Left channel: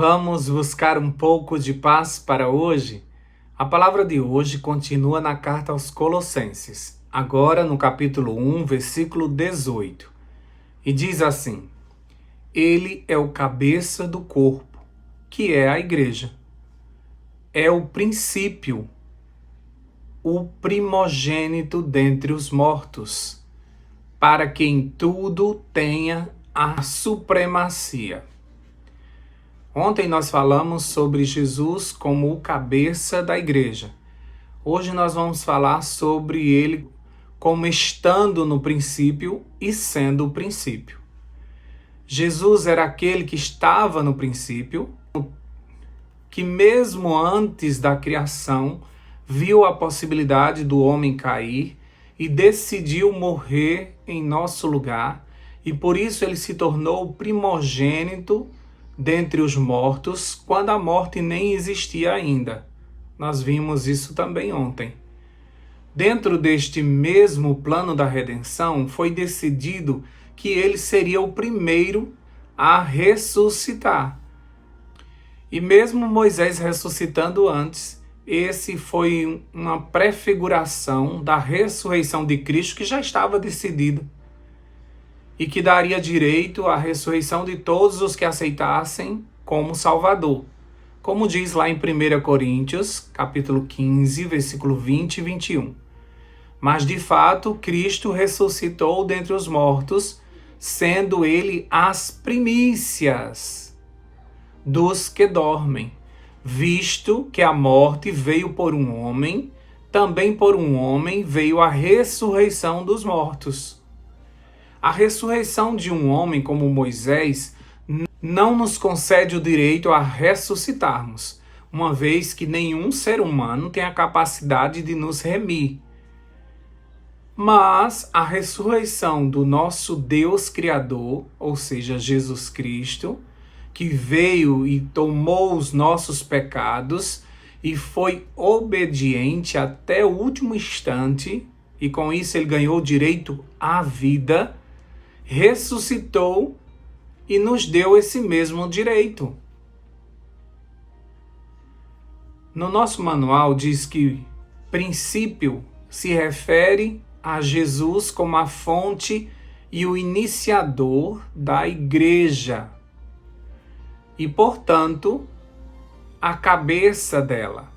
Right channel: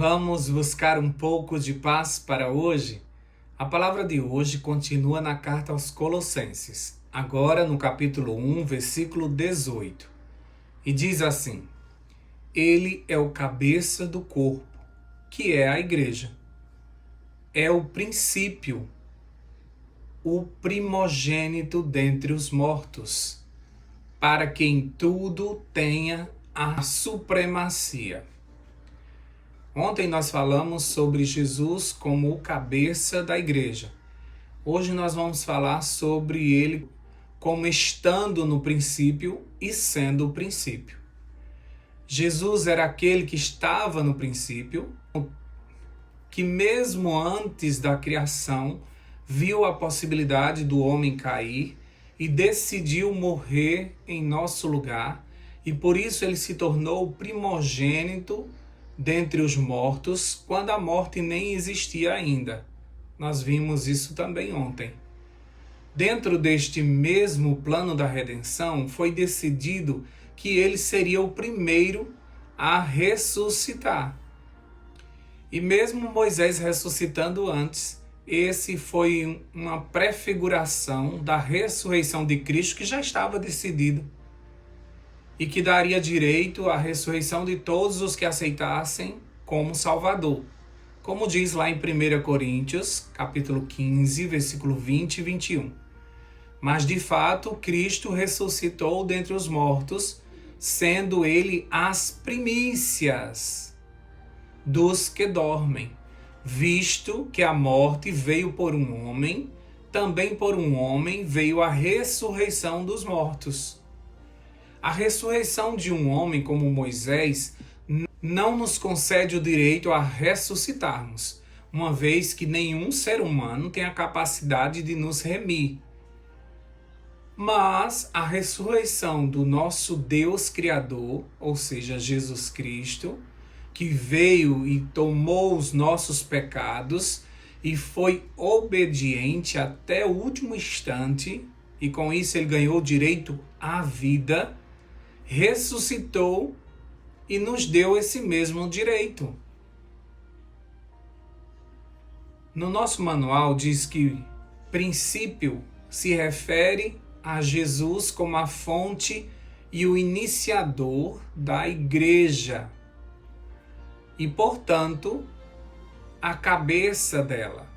Vamos buscar um pouco de paz para hoje? A palavra de hoje continua na carta aos Colossenses, agora no capítulo 1, versículo 18. E diz assim: Ele é o cabeça do corpo, que é a igreja. É o princípio, o primogênito dentre os mortos, para que em tudo tenha a supremacia. Ontem nós falamos sobre Jesus como o cabeça da igreja. Hoje nós vamos falar sobre ele como estando no princípio e sendo o princípio. Jesus era aquele que estava no princípio, que mesmo antes da criação viu a possibilidade do homem cair e decidiu morrer em nosso lugar, e por isso ele se tornou o primogênito dentre os mortos, quando a morte nem existia ainda. Nós vimos isso também ontem. Dentro deste mesmo plano da redenção, foi decidido que ele seria o primeiro a ressuscitar. E mesmo Moisés ressuscitando antes, esse foi uma prefiguração da ressurreição de Cristo que já estava decidido e que daria direito à ressurreição de todos os que aceitassem como Salvador. Como diz lá em 1 Coríntios, capítulo 15, versículo 20 e 21. Mas de fato, Cristo ressuscitou dentre os mortos, sendo ele as primícias dos que dormem. Visto que a morte veio por um homem, também por um homem veio a ressurreição dos mortos. A ressurreição de um homem como Moisés não nos concede o direito a ressuscitarmos, uma vez que nenhum ser humano tem a capacidade de nos remir. Mas a ressurreição do nosso Deus Criador, ou seja, Jesus Cristo, que veio e tomou os nossos pecados e foi obediente até o último instante, e com isso ele ganhou direito à vida, ressuscitou e nos deu esse mesmo direito. No nosso manual diz que princípio se refere a Jesus como a fonte e o iniciador da igreja e, portanto, a cabeça dela.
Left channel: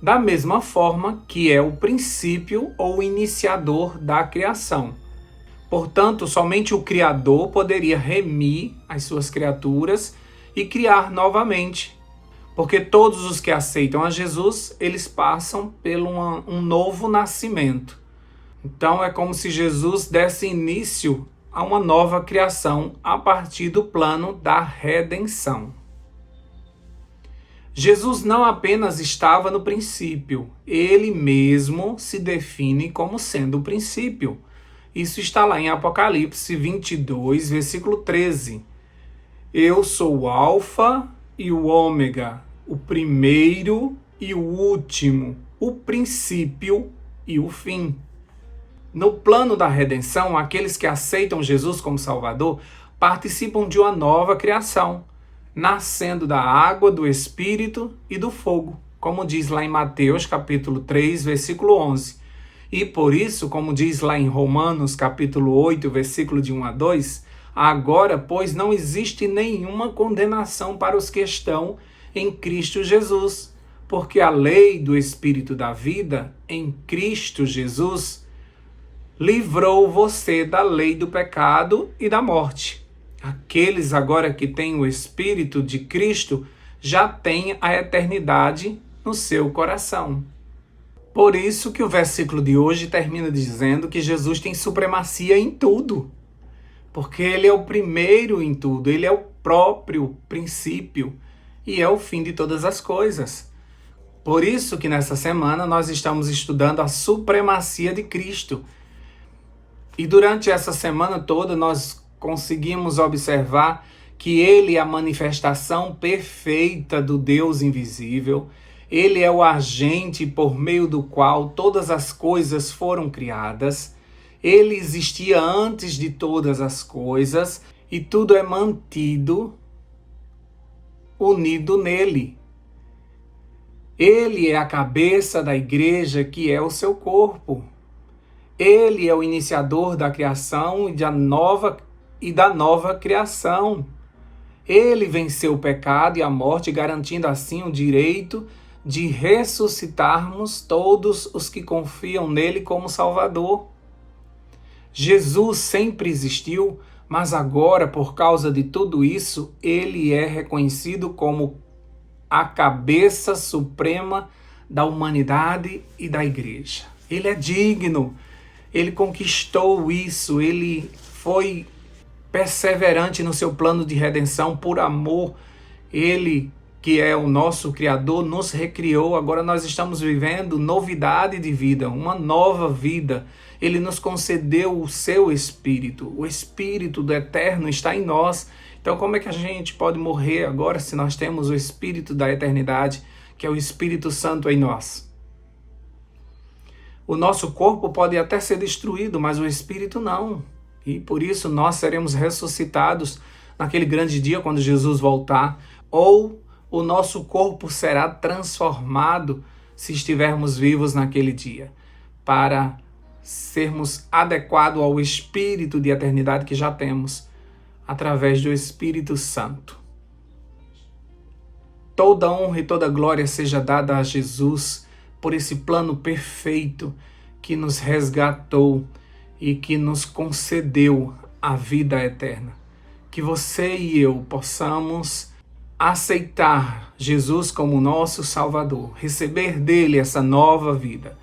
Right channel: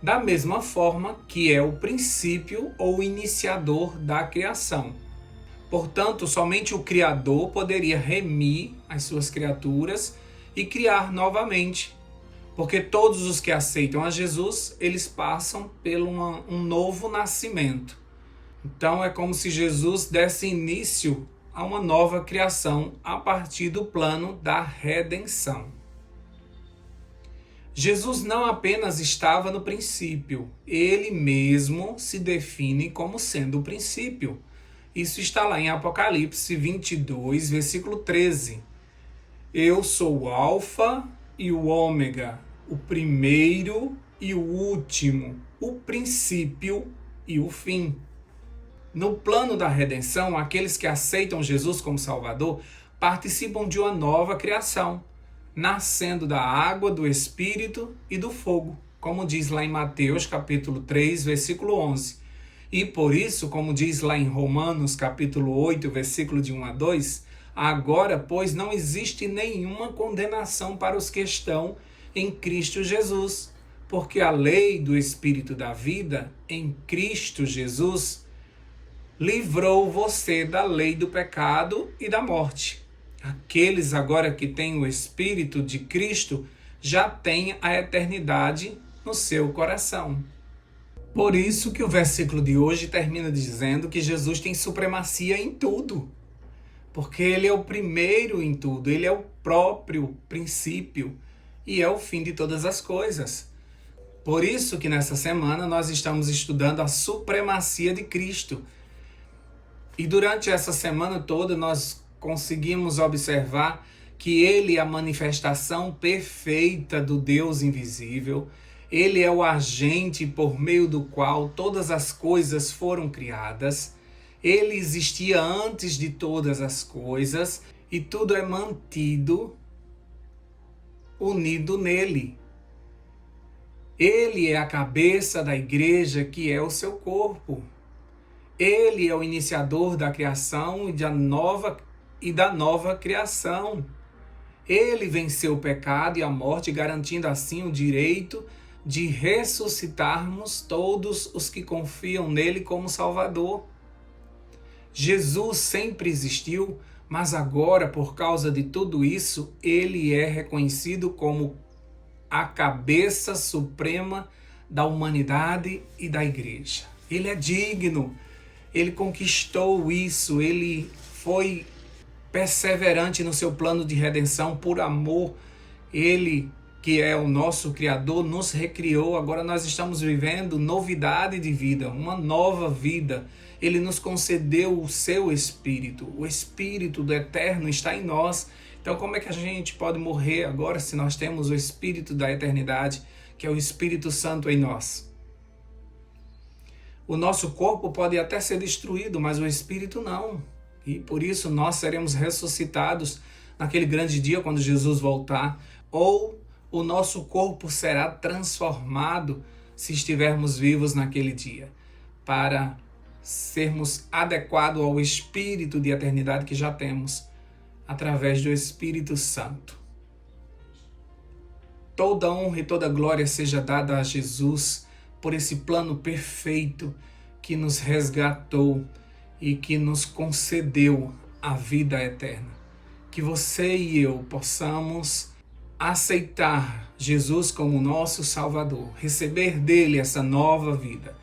Da mesma forma que é o princípio ou iniciador da criação. Portanto, somente o Criador poderia remir as suas criaturas e criar novamente. Porque todos os que aceitam a Jesus, eles passam por um novo nascimento. Então é como se Jesus desse início a uma nova criação a partir do plano da redenção. Jesus não apenas estava no princípio, ele mesmo se define como sendo o princípio. Isso está lá em Apocalipse 22, versículo 13. Eu sou o Alfa e o Ômega, o primeiro e o último, o princípio e o fim. No plano da redenção, aqueles que aceitam Jesus como Salvador participam de uma nova criação, nascendo da água, do Espírito e do fogo, como diz lá em Mateus capítulo 3, versículo 11. E por isso, como diz lá em Romanos, capítulo 8, versículo de 1 a 2, agora, pois, não existe nenhuma condenação para os que estão em Cristo Jesus, porque a lei do Espírito da vida, em Cristo Jesus, livrou você da lei do pecado e da morte. Aqueles agora que têm o Espírito de Cristo já têm a eternidade no seu coração. Por isso que o versículo de hoje termina dizendo que Jesus tem supremacia em tudo. Porque ele é o primeiro em tudo, ele é o próprio princípio e é o fim de todas as coisas. Por isso que nessa semana nós estamos estudando a supremacia de Cristo. E durante essa semana toda nós conseguimos observar que ele é a manifestação perfeita do Deus invisível. Ele é o agente por meio do qual todas as coisas foram criadas. Ele existia antes de todas as coisas e tudo é mantido unido nele. Ele é a cabeça da igreja, que é o seu corpo. Ele é o iniciador da criação e da nova criação. Ele venceu o pecado e a morte, garantindo assim o direito de ressuscitarmos todos os que confiam nele como Salvador. Jesus sempre existiu, mas agora, por causa de tudo isso, ele é reconhecido como a cabeça suprema da humanidade e da igreja. Ele é digno, ele conquistou isso, ele foi perseverante no seu plano de redenção por amor. Ele, que é o nosso Criador, nos recriou. Agora nós estamos vivendo novidade de vida, uma nova vida. Ele nos concedeu o seu Espírito. O Espírito do Eterno está em nós. Então como é que a gente pode morrer agora se nós temos o Espírito da eternidade, que é o Espírito Santo em nós? O nosso corpo pode até ser destruído, mas o Espírito não. E por isso nós seremos ressuscitados naquele grande dia quando Jesus voltar. Ou o nosso corpo será transformado se estivermos vivos naquele dia, para sermos adequados ao Espírito de eternidade que já temos, através do Espírito Santo. Toda honra e toda glória seja dada a Jesus por esse plano perfeito que nos resgatou e que nos concedeu a vida eterna. Que você e eu possamos aceitar Jesus como nosso Salvador, receber dele essa nova vida.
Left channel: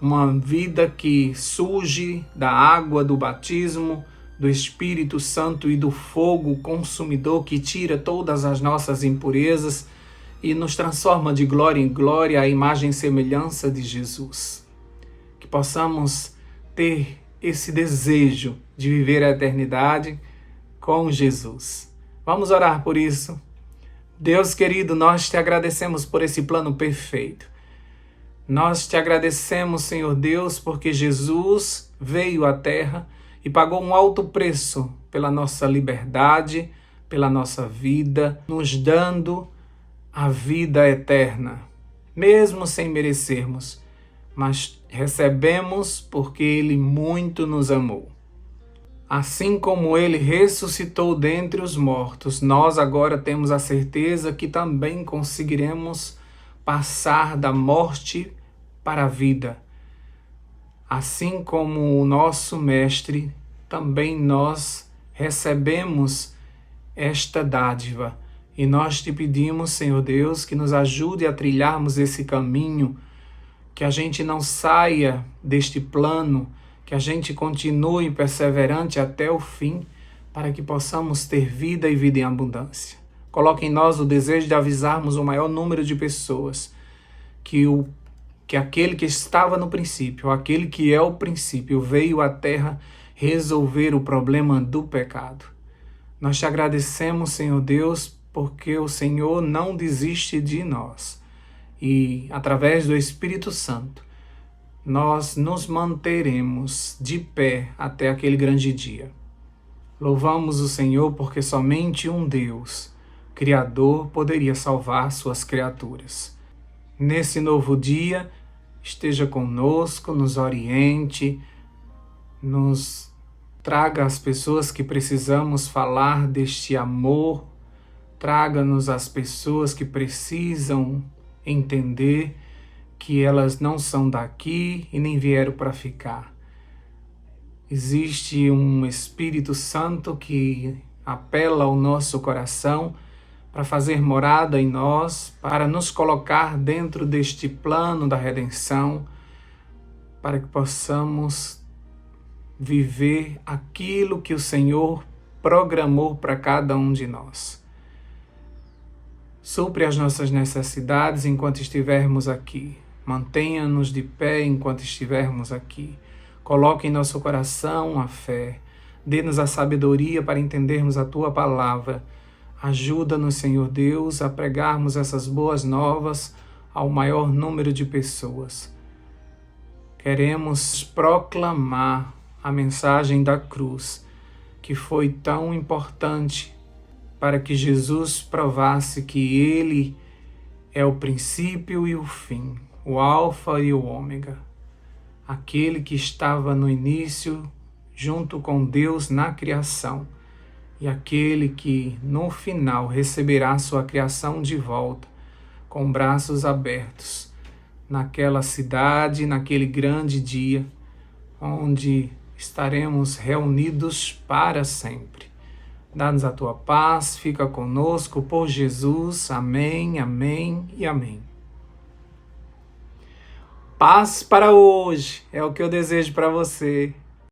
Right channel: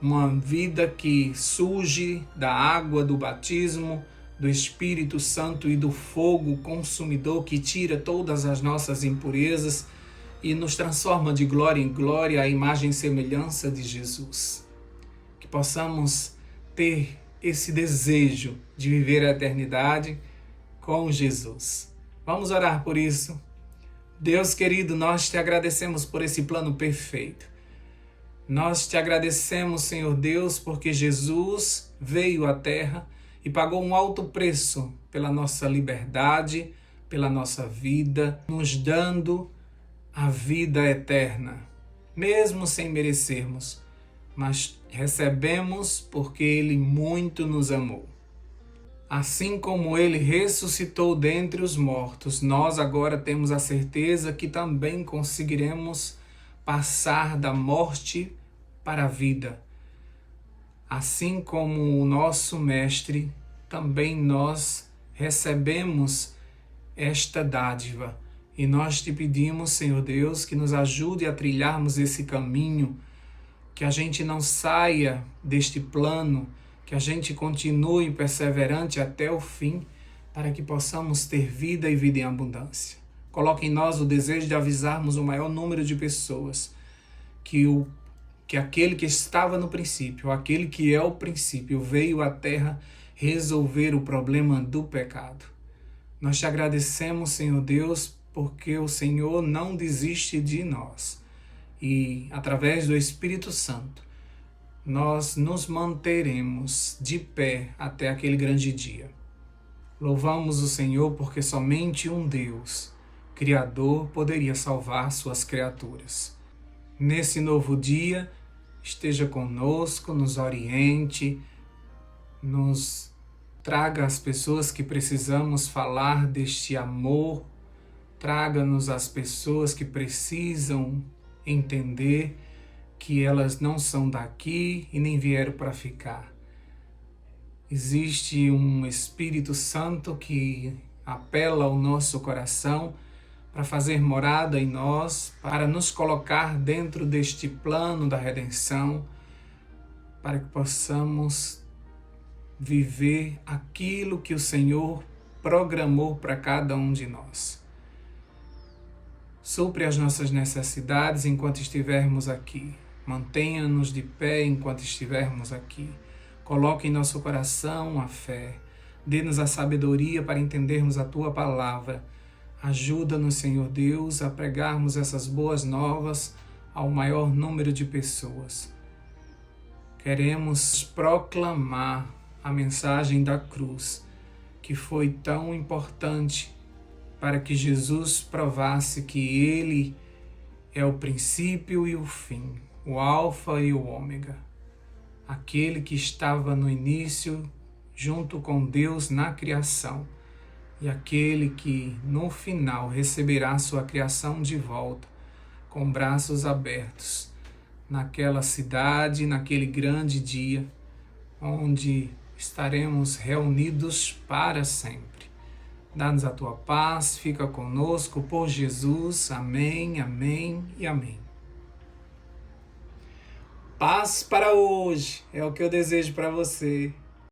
Uma vida que surge da água do batismo, do Espírito Santo e do fogo consumidor que tira todas as nossas impurezas e nos transforma de glória em glória à imagem e semelhança de Jesus. Que possamos ter esse desejo de viver a eternidade com Jesus. Vamos orar por isso. Deus querido, nós te agradecemos por esse plano perfeito. Nós te agradecemos, Senhor Deus, porque Jesus veio à terra e pagou um alto preço pela nossa liberdade, pela nossa vida, nos dando a vida eterna, mesmo sem merecermos, mas recebemos porque Ele muito nos amou. Assim como Ele ressuscitou dentre os mortos, nós agora temos a certeza que também conseguiremos passar da morte para a vida. Assim como o nosso Mestre, também nós recebemos esta dádiva. E nós te pedimos, Senhor Deus, que nos ajude a trilharmos esse caminho, que a gente não saia deste plano, que a gente continue perseverante até o fim, para que possamos ter vida e vida em abundância. Coloque em nós o desejo de avisarmos o maior número de pessoas que aquele que estava no princípio, aquele que é o princípio, veio à terra resolver o problema do pecado. Nós te agradecemos, Senhor Deus, porque o Senhor não desiste de nós. E, através do Espírito Santo, nós nos manteremos de pé até aquele grande dia. Louvamos o Senhor porque somente um Deus, Criador, poderia salvar suas criaturas. Nesse novo dia, esteja conosco, nos oriente, nos traga as pessoas que precisamos falar deste amor, traga-nos as pessoas que precisam entender que elas não são daqui e nem vieram para ficar. Existe um Espírito Santo que apela ao nosso coração para fazer morada em nós, para nos colocar dentro deste plano da redenção, para que possamos viver aquilo que o Senhor programou para cada um de nós. Supre as nossas necessidades enquanto estivermos aqui. Mantenha-nos de pé enquanto estivermos aqui. Coloque em nosso coração a fé. Dê-nos a sabedoria para entendermos a Tua palavra. Ajuda-nos, Senhor Deus, a pregarmos essas boas novas ao maior número de pessoas. Queremos proclamar a mensagem da cruz, que foi tão importante para que Jesus provasse que Ele é o princípio e o fim, o alfa e o ômega, aquele que estava no início junto com Deus na criação e aquele que no final receberá sua criação de volta com braços abertos naquela cidade, naquele grande dia onde estaremos reunidos para sempre. Dá-nos a tua paz, fica conosco por Jesus. Amém, amém e amém. Paz para hoje é o que eu desejo para você.